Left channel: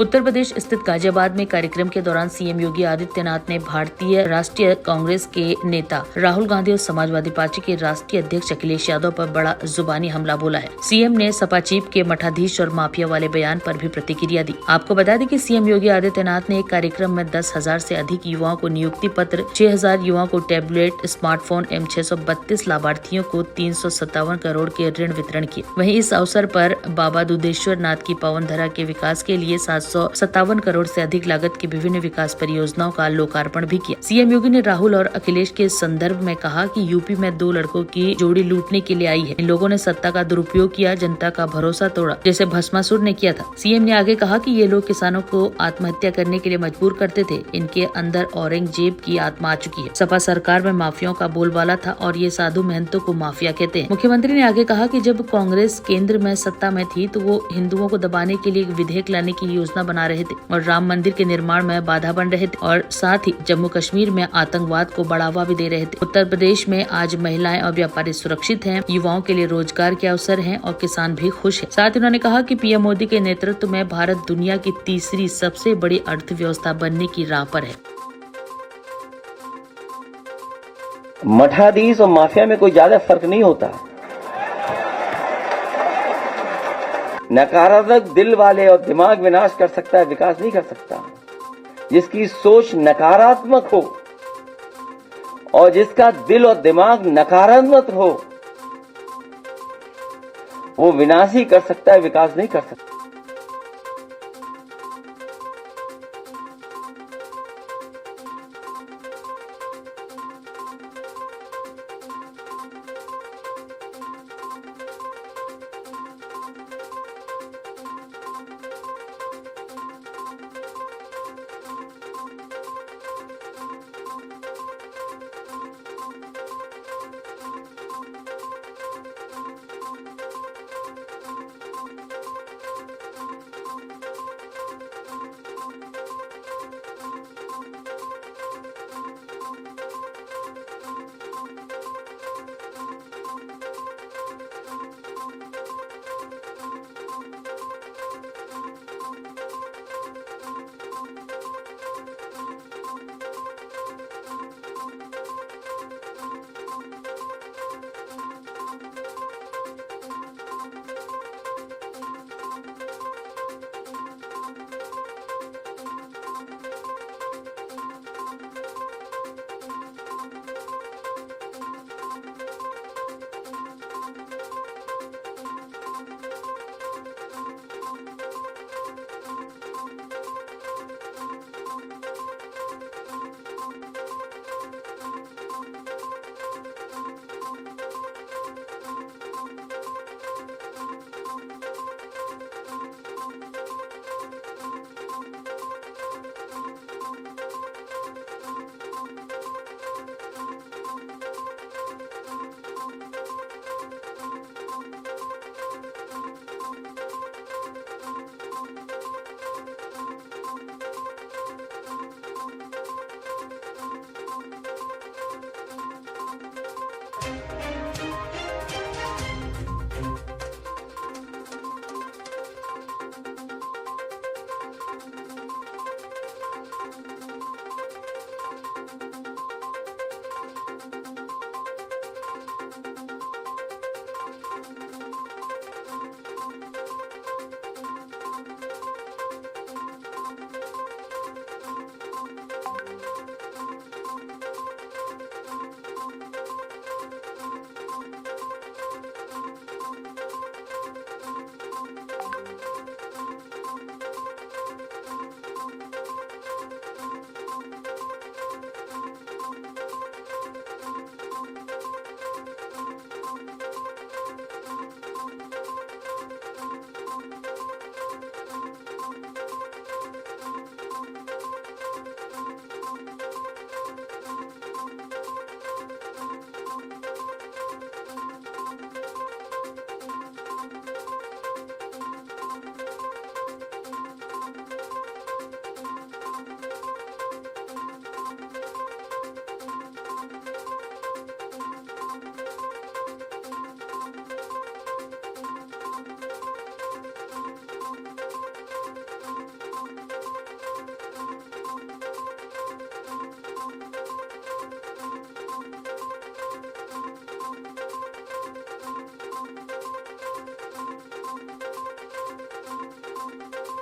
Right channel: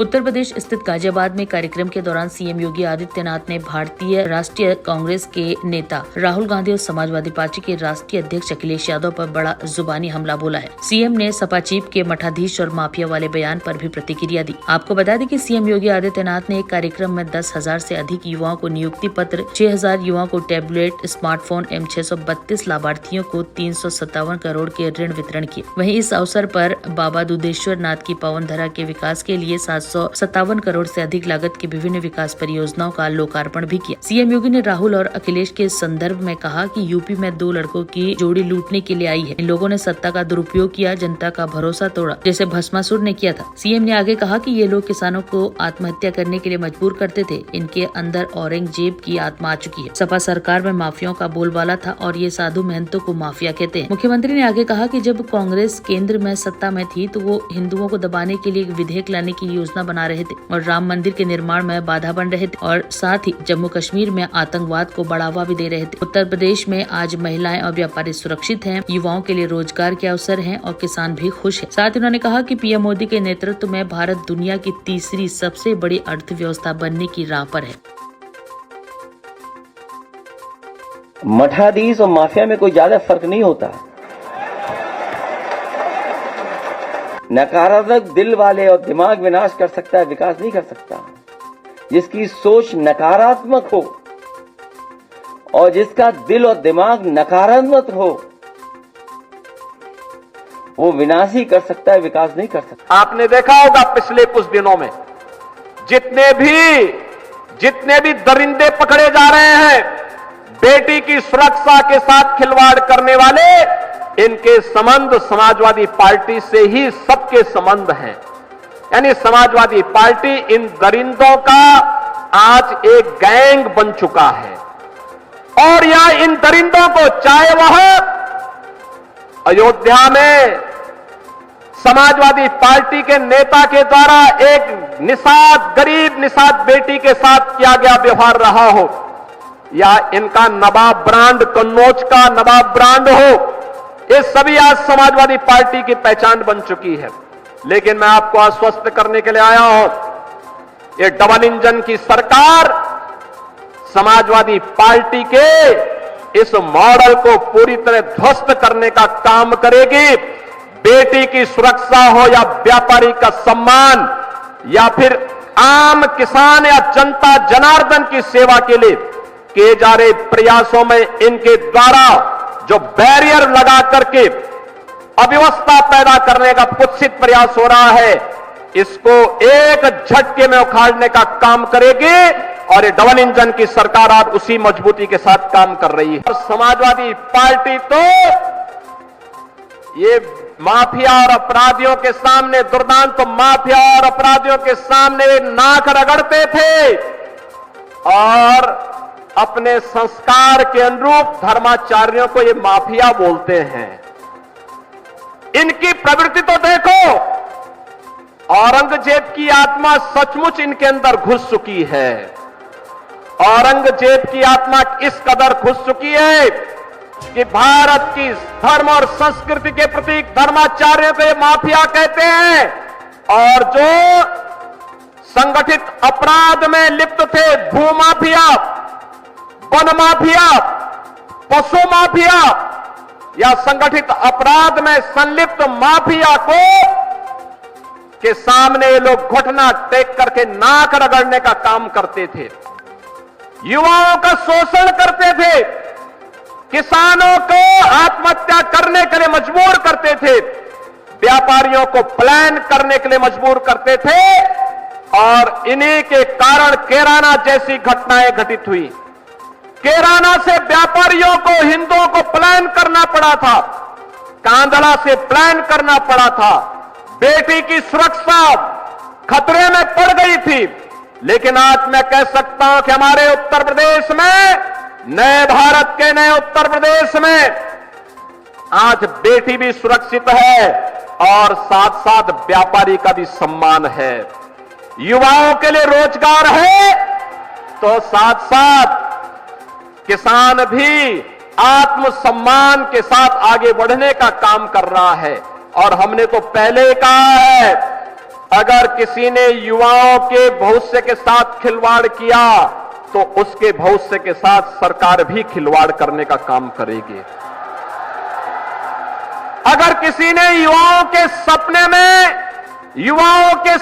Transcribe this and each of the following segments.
उत्तर प्रदेश स्थित गाजियाबाद में कार्यक्रम के दौरान सीएम योगी आदित्यनाथ ने भारतीय राष्ट्रीय कांग्रेस के नेता राहुल गांधी और समाजवादी पार्टी के राष्ट्रीय अध्यक्ष अखिलेश यादव पर बड़ा जुबानी हमला बोला है। सीएम ने सपा चीफ के मठाधीश और माफिया वाले बयान पर भी प्रतिक्रिया दी। आपको बता दें कि सीएम योगी आदित्यनाथ ने एक कार्यक्रम में 10,000 से अधिक युवाओं को नियुक्ति पत्र, 6,000 युवाओं को टैबलेट, स्मार्टफोन एवं 632 लाभार्थियों को 357 करोड़ के ऋण वितरण किए। वहीं इस अवसर पर बाबा दुधेश्वर नाथ की पावन धरा के विकास के लिए 757 करोड़ से अधिक लागत की विभिन्न विकास परियोजनाओं का लोकार्पण भी किया। सीएम योगी ने राहुल और अखिलेश के संदर्भ में कहा कि यूपी में 2 लड़कों की जोड़ी लूटने के लिए आई है। इन लोगों ने सत्ता का दुरुपयोग किया, जनता का भरोसा तोड़ा, जैसे भस्मासुर ने किया था। सीएम ने आगे कहा कि ये लोग किसानों को आत्महत्या करने के लिए मजबूर करते थे। इनके अंदर औरंगजेब की आत्मा आ चुकी है। सपा सरकार में माफियाओं का बोलबाला था और ये साधु महंतों को माफिया कहते हैं। मुख्यमंत्री ने आगे कहा कि जब कांग्रेस केंद्र में सत्ता में थी तो वो हिंदुओं को दबाने के लिए एक विधेयक लाने की योजना बना रहे थे और राम मंदिर के निर्माण में बाधा बन रहे थे और साथ ही जम्मू कश्मीर में आतंकवाद को बढ़ावा भी दे रहे थे। उत्तर प्रदेश में आज महिलाएं और व्यापारी सुरक्षित हैं, युवाओं के लिए रोजगार के अवसर हैं और किसान भी खुश हैं। साथ ही उन्होंने कहा कि पीएम मोदी के नेतृत्व में भारत दुनिया की तीसरी सबसे बड़ी अर्थव्यवस्था बनने की राह पर है। मठाधीश और माफिया में कोई ज्यादा फर्क नहीं होता। नकारात्मक दिल वाले और दिमाग विनाश कर सकता है, विकास नहीं कर सकता। जिसकी सोच नकारात्मक हो और जिसका दिल और दिमाग नकारात्मक हो वो विनाश ही कर सकता है, विकास नहीं कर सकता। आपने देखा होगा पिछले कुछ दिनों में जितने भी दरिंदे पकड़े जा रहे हैं, बेटी की सुरक्षा के साथ खिलवाड़ करने वाले, इनके संबंध समाजवादी पार्टी से ही सबके संबंध हैं। यानी समाजवादी पार्टी इन दरिंदों का आज एक गैंग बन चुका है और यहां इन दरिंदों को, चाहे वह अयोध्या में समाजवादी पार्टी के नेता के द्वारा एक निषाद, गरीब निषाद बेटी के साथ किया गया व्यवहार रहा हो, या इनका नवाब ब्रांड, कन्नौज का नवाब ब्रांड हो, ये सभी आज समाजवादी पार्टी की पहचान बन चुकी है। लेकिन मैं आपको आश्वस्त करने के लिए आया हूं, ये डबल इंजन की सरकार समाजवादी पार्टी के इस मॉडल को पूरी तरह ध्वस्त करने का काम करेगी। बेटी की सुरक्षा हो या व्यापारी का सम्मान या फिर आम किसान या जनता जनार्दन की सेवा के लिए किए जा रहे प्रयासों में इनके द्वारा जो बैरियर लगा करके अव्यवस्था पैदा करने का कुत्सित प्रयास हो रहा है, इसको एक झटके में उखाड़ने का काम करेगी और ये डबल इंजन की सरकार आज उसी मजबूती के साथ काम कर रही है। और समाजवादी पार्टी तो ये माफिया और अपराधियों के सामने, दुर्दांत माफिया और अपराधियों के सामने नाक रगड़ते थे और अपने संस्कार के अनुरूप धर्माचार्यों को ये माफिया बोलते हैं। इनकी प्रवृत्ति तो देखो, औरंगजेब की आत्मा सचमुच इनके अंदर घुस चुकी है। औरंगजेब की आत्मा इस कदर घुस चुकी है कि भारत की धर्म और संस्कृति के प्रतीक धर्माचार्यों को ये माफिया कहते हैं और जो संगठित अपराध में लिप्त थे, भूमाफिया, वन माफिया, पशु माफिया या संगठित अपराध में संलिप्त माफिया को के सामने ये लोग घुटना टेक करके नाक रगड़ने का काम करते थे, युवाओं का शोषण करते थे, किसानों को आत्महत्या करने के लिए मजबूर करते थे, व्यापारियों को प्लान करने के लिए मजबूर करते थे और इन्हीं के कारण कैराना जैसी घटनाएं घटित हुई। कैराना से व्यापारियों को, हिंदुओं को प्लान करना पड़ा था, कांधला से प्लान करना पड़ा था, बेटी की सुरक्षा खतरे में पड़ गई थी। लेकिन आज मैं कह सकता हूं कि हमारे उत्तर प्रदेश में, नए भारत के नए उत्तर प्रदेश में आज बेटी भी सुरक्षित है और साथ साथ व्यापारी का भी सम्मान है, युवाओं के लिए रोजगार है, तो साथ साथ किसान भी आत्मसम्मान के साथ आगे बढ़ने का काम कर रहा है। और हमने तो पहले कहा है, अगर किसी ने युवाओं के भविष्य के साथ खिलवाड़ किया तो उसके भविष्य के साथ सरकार भी खिलवाड़ करने का काम करेगी। अगर किसी ने युवाओं के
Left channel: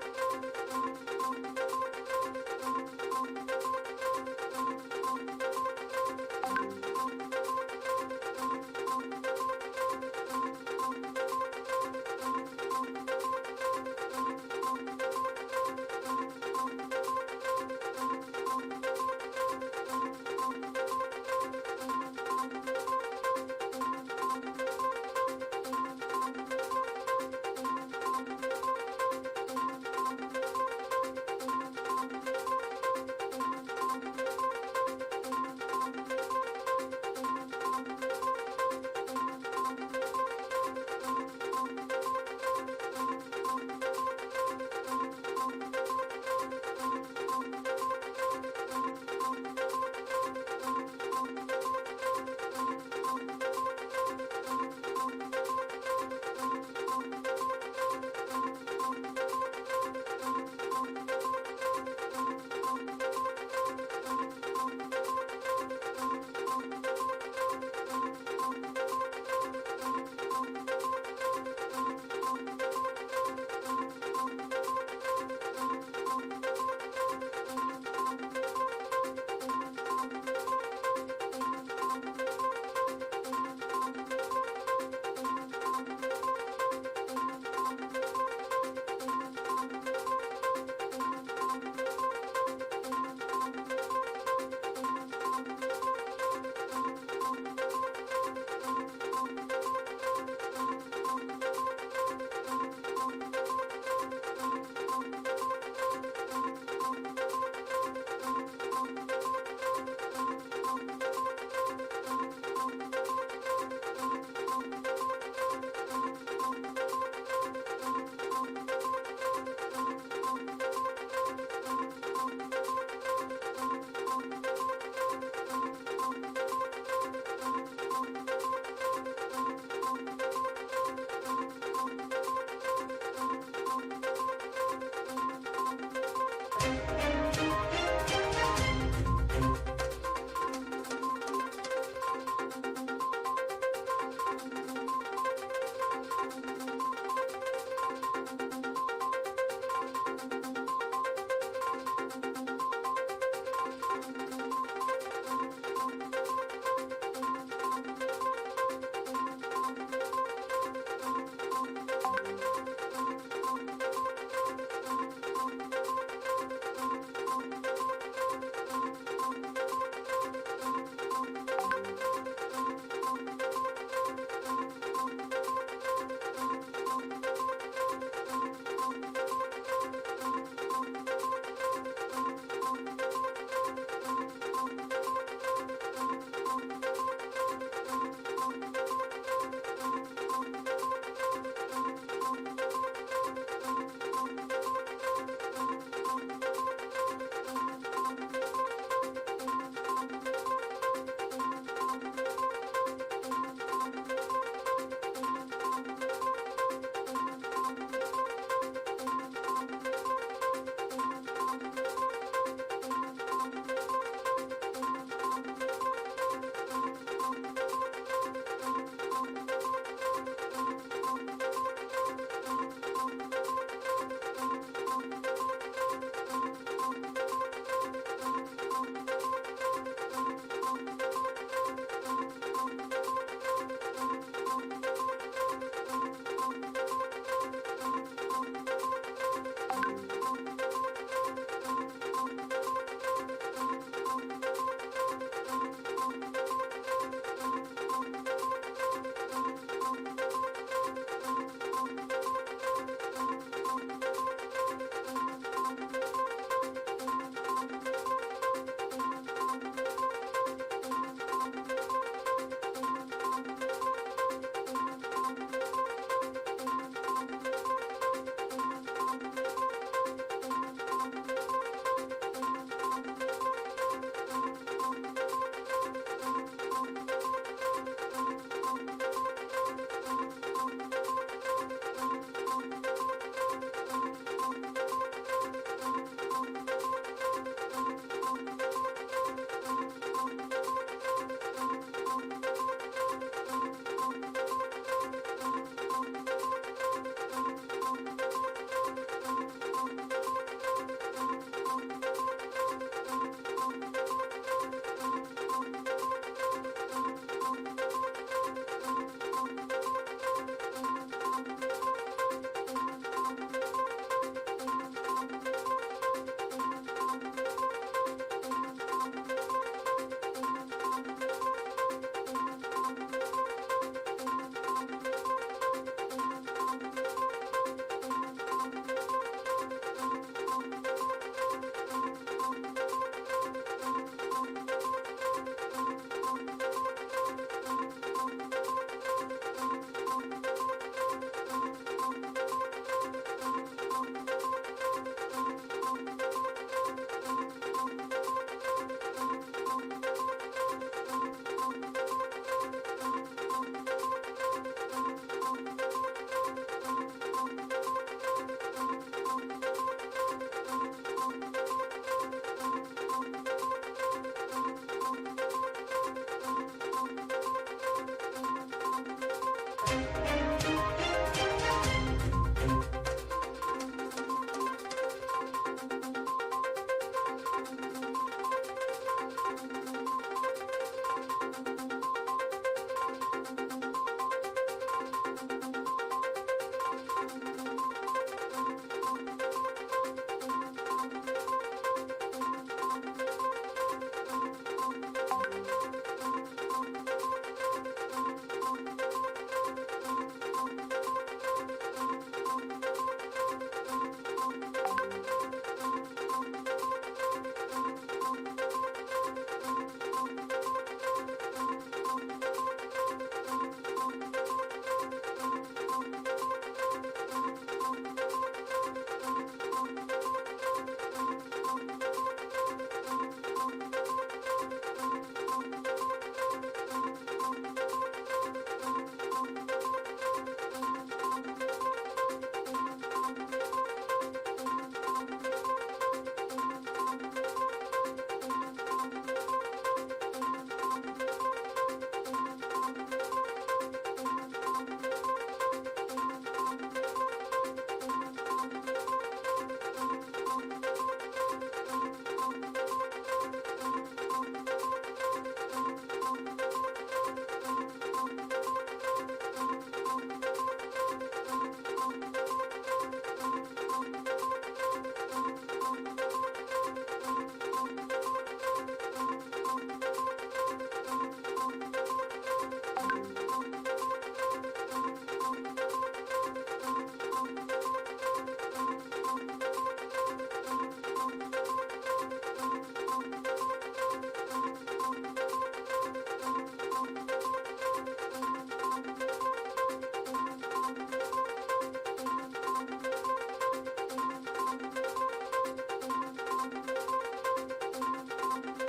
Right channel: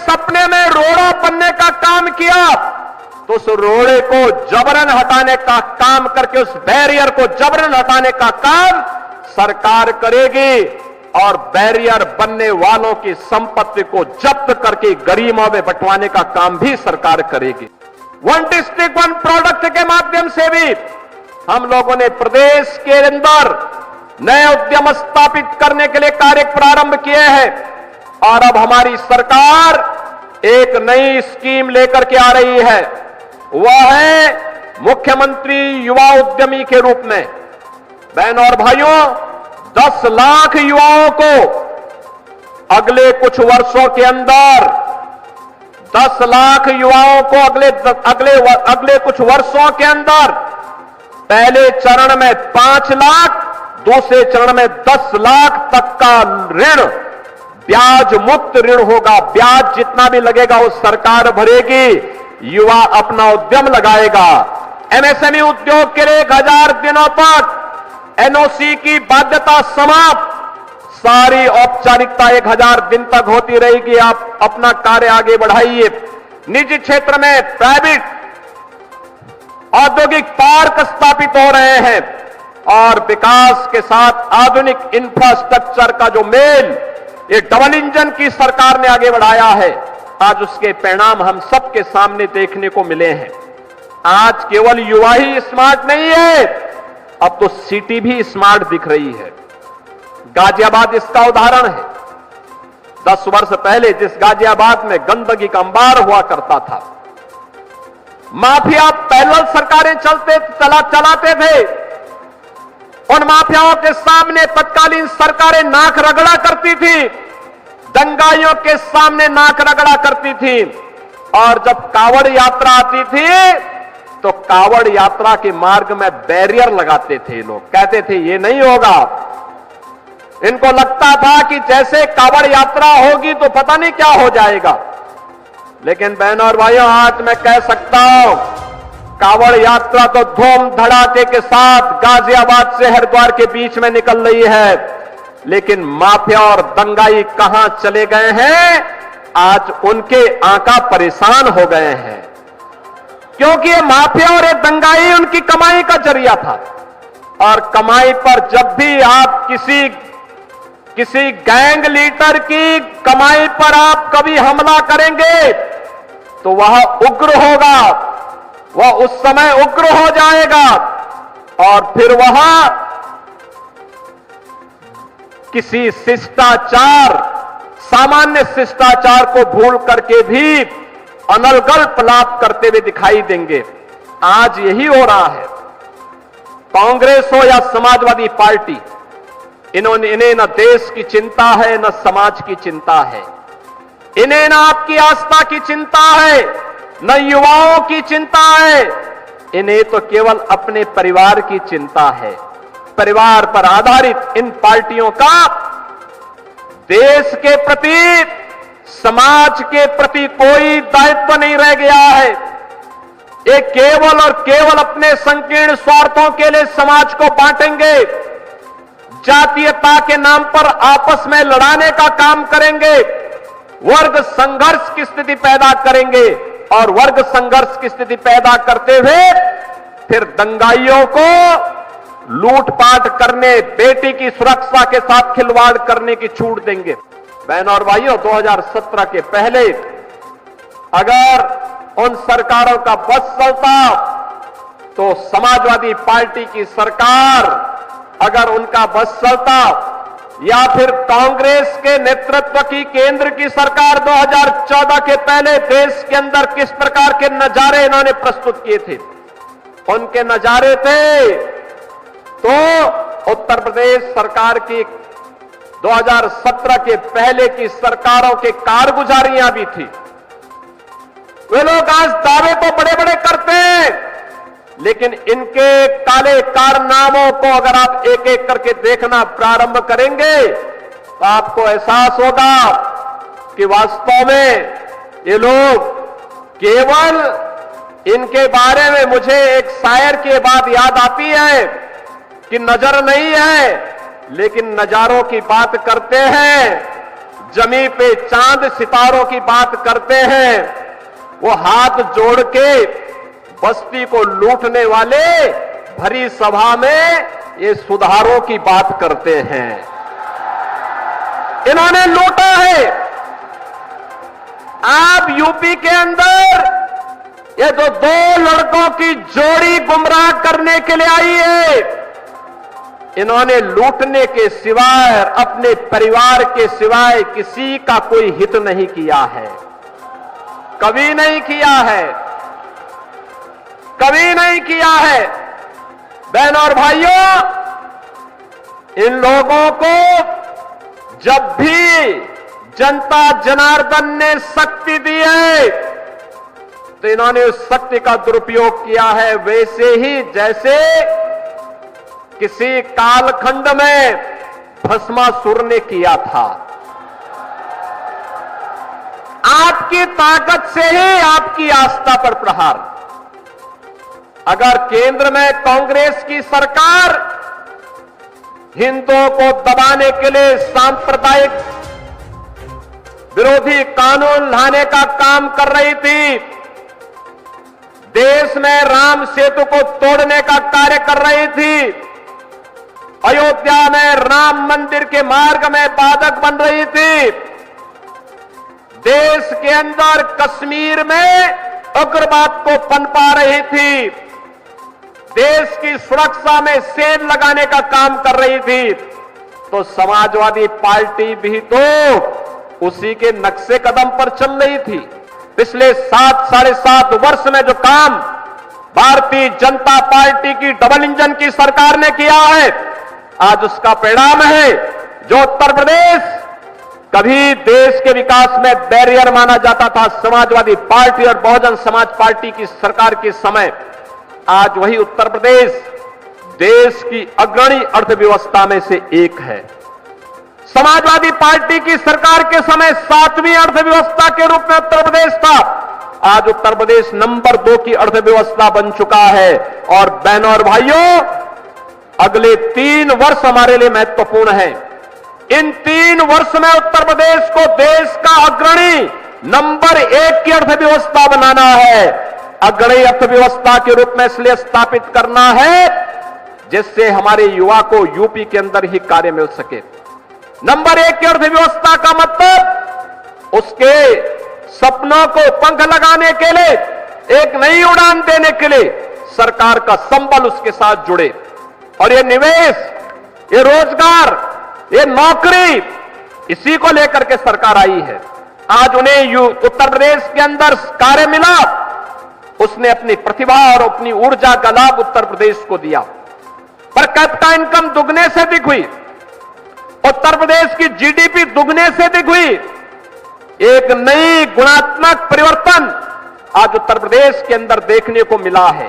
सपने में रोड़ा बनने का काम किया तो उस रोड़े को जबरन हटाने का काम करके, उस बैरियर को जबरन हटाने का काम सरकार करेगी और बैरियर बनने वालों की संपत्ति को जब्त करके गरीबों में बंटवाने का काम भी सरकार करेगी। वन डिस्ट्रिक्ट वन प्रोडक्ट के माध्यम से भी हम लोगों ने प्रदेश के अंदर नए उद्यम स्थापित करने के लिए कार्य प्रारंभ किए हैं और अब हमारी सरकार एक नई स्कीम लेकर के आ रही है। वह है मुख्यमंत्री युवा उद्यमी के रूप में। बहनों और भाइयों, 10 लाख युवाओं को अगले कुछ वर्षों के अंदर 10 लाख युवाओं को अगले कुछ वर्षों के अंदर पहले चरण में 5 लाख, दूसरे चरण में 10 लाख तक का ऋण ब्याज मुक्त ऋण होगा। ब्याज जितना भी लगेगा वो सरकार भरेगी। युवा अपना उद्यम लगाएगा। एमएसएमई उद्योग के लिए 1000 दिनों तक एनओसी की बाध्यता समाप्त। सारी औपचारिकता 1000 दिन तक होती रहेगी। आप अपना कार्य आगे बढ़ाइए। निजी क्षेत्र में प्राइवेट औद्योगिक पार्क स्थापित हो रहे हैं और विकास के साथ आधुनिक इंफ्रास्ट्रक्चर का जो मेल ये डबल इंजन की सरकार ने आगे बढ़ाया है, आज उसके परिणाम हम सबके सामने देखने को मिले हैं। आज केवल युवा ही स्मार्ट नहीं है, अब तो सिटी भी स्मार्ट दिख रही है। गाजियाबाद इसका उदाहरण है। 10 वर्ष पहले जिस गाजियाबाद में गंदगी का अंबार हुआ करता था, माफिया पैरेलल सरकारें चलाते थे। उन माफियाओं के सामने तत्कालीन सरकारें नाक रगड़ा करती थी, दंगाइयों के सामने नाक रगड़ा करती थी। और जब कावड़ यात्रा आती थी तो कावड़ यात्रा के मार्ग में बैरियर लगाते थे। लोग कहते थे ये नहीं होगा। इनको लगता था कि जैसे कावड़ यात्रा होगी तो पता नहीं क्या हो जाएगा। लेकिन बहनों और भाइयों, आज मैं कह सकता हूं कावड़ यात्रा तो धूम धड़ाके के साथ गाजियाबाद से हरिद्वार के बीच में निकल रही है। लेकिन माफिया और दंगाई कहां चले गए हैं? आज उनके आंका परेशान हो गए हैं, क्योंकि ये माफिया और ये दंगाई उनकी कमाई का जरिया था। और कमाई पर जब भी आप किसी गैंग लीडर की कमाई पर आप कभी हमला करेंगे तो वह उग्र होगा, वह उस समय उग्र हो जाएगा और फिर वह किसी शिष्टाचार, सामान्य शिष्टाचार को भूल करके भी अनर्गल लाभ करते हुए दिखाई देंगे। आज यही हो रहा है। कांग्रेस हो या समाजवादी पार्टी, इन्हें न देश की चिंता है न समाज की चिंता है। इन्हें न आपकी आस्था की चिंता है न युवाओं की चिंता है। इन्हें तो केवल अपने परिवार की चिंता है। परिवार पर आधारित इन पार्टियों का देश के प्रति, समाज के प्रति कोई दायित्व नहीं रह गया है। ये केवल और केवल अपने संकीर्ण स्वार्थों के लिए समाज को बांटेंगे, जातीयता के नाम पर आपस में लड़ाने का काम करेंगे, वर्ग संघर्ष की स्थिति पैदा करेंगे और वर्ग संघर्ष की स्थिति पैदा करते हुए फिर दंगाइयों को लूटपाट करने, बेटी की सुरक्षा के साथ खिलवाड़ करने की छूट देंगे। बहनों और भाइयों, 2017 के पहले अगर उन सरकारों का बस चलता तो समाजवादी पार्टी की सरकार, अगर उनका बस चलता, या फिर कांग्रेस के नेतृत्व की केंद्र की सरकार 2014 के पहले देश के अंदर किस प्रकार के नजारे इन्होंने प्रस्तुत किए थे, उनके नजारे थे तो उत्तर प्रदेश सरकार की 2017 के पहले की सरकारों के कारगुजारियां भी थी। वे लोग आज दावे तो बड़े बड़े करते हैं, लेकिन इनके काले कारनामों को अगर आप एक एक करके देखना प्रारंभ करेंगे तो आपको एहसास होगा कि वास्तव में ये लोग केवल इनके बारे में मुझे एक शायर की बात याद आती है कि नजर नहीं है लेकिन नजारों की बात करते हैं, जमी पे चांद सितारों की बात करते हैं। वो हाथ जोड़ के बस्ती को लूटने वाले भरी सभा में ये सुधारों की बात करते हैं। इन्होंने लूटा है। आप यूपी के अंदर ये जो दो लड़कों की जोड़ी गुमराह करने के लिए आई है, इन्होंने लूटने के सिवाय अपने परिवार के सिवाय किसी का कोई हित नहीं किया है, कभी नहीं किया है, कभी नहीं किया है। बहनों और भाइयों, इन लोगों को जब भी जनता जनार्दन ने शक्ति दी है तो इन्होंने उस शक्ति का दुरुपयोग किया है, वैसे ही जैसे किसी कालखंड में भस्मासुर ने किया था। आपकी ताकत से ही आपकी आस्था पर प्रहार। अगर केंद्र में कांग्रेस की सरकार हिंदुओं को दबाने के लिए सांप्रदायिक विरोधी कानून लाने का काम कर रही थी, देश में राम सेतु को तोड़ने का कार्य कर रही थी, अयोध्या में राम मंदिर के मार्ग में बाधक बन रही थी, देश के अंदर कश्मीर में उग्रवाद को पनपा रही थी, देश की सुरक्षा में सेल लगाने का काम कर रही थी, तो समाजवादी पार्टी भी तो उसी के नक्शे कदम पर चल रही थी। पिछले 7-7.5 वर्ष में जो काम भारतीय जनता पार्टी की डबल इंजन की सरकार ने किया है, आज उसका परिणाम है। जो उत्तर प्रदेश कभी देश के विकास में बैरियर माना जाता था समाजवादी पार्टी और बहुजन समाज पार्टी की सरकार के समय, आज वही उत्तर प्रदेश देश की अग्रणी अर्थव्यवस्था में से एक है। समाजवादी पार्टी की सरकार के समय 7वीं अर्थव्यवस्था के रूप में उत्तर प्रदेश था, आज उत्तर प्रदेश नंबर 2 की अर्थव्यवस्था बन चुका है। और बहनों और भाइयों, अगले 3 वर्ष हमारे लिए महत्वपूर्ण है। इन 3 वर्ष में उत्तर प्रदेश को देश का अग्रणी नंबर 1 की अर्थव्यवस्था बनाना है। अग्रणी अर्थव्यवस्था के रूप में इसलिए स्थापित करना है जिससे हमारे युवा को यूपी के अंदर ही कार्य मिल सके। नंबर 1 की अर्थव्यवस्था का मतलब उसके सपनों को पंख लगाने के लिए, एक नई उड़ान देने के लिए सरकार का संबल उसके साथ जुड़े। और ये निवेश, ये रोजगार, ये नौकरी, इसी को लेकर के सरकार आई है। आज उन्हें उत्तर प्रदेश के अंदर कार्य मिला, उसने अपनी प्रतिभा और अपनी ऊर्जा का लाभ उत्तर प्रदेश को दिया। पर कैपिटा इनकम दुगने से अधिक हुई, उत्तर प्रदेश की जीडीपी दुगने से अधिक हुई। एक नई गुणात्मक परिवर्तन आज उत्तर प्रदेश के अंदर देखने को मिला है।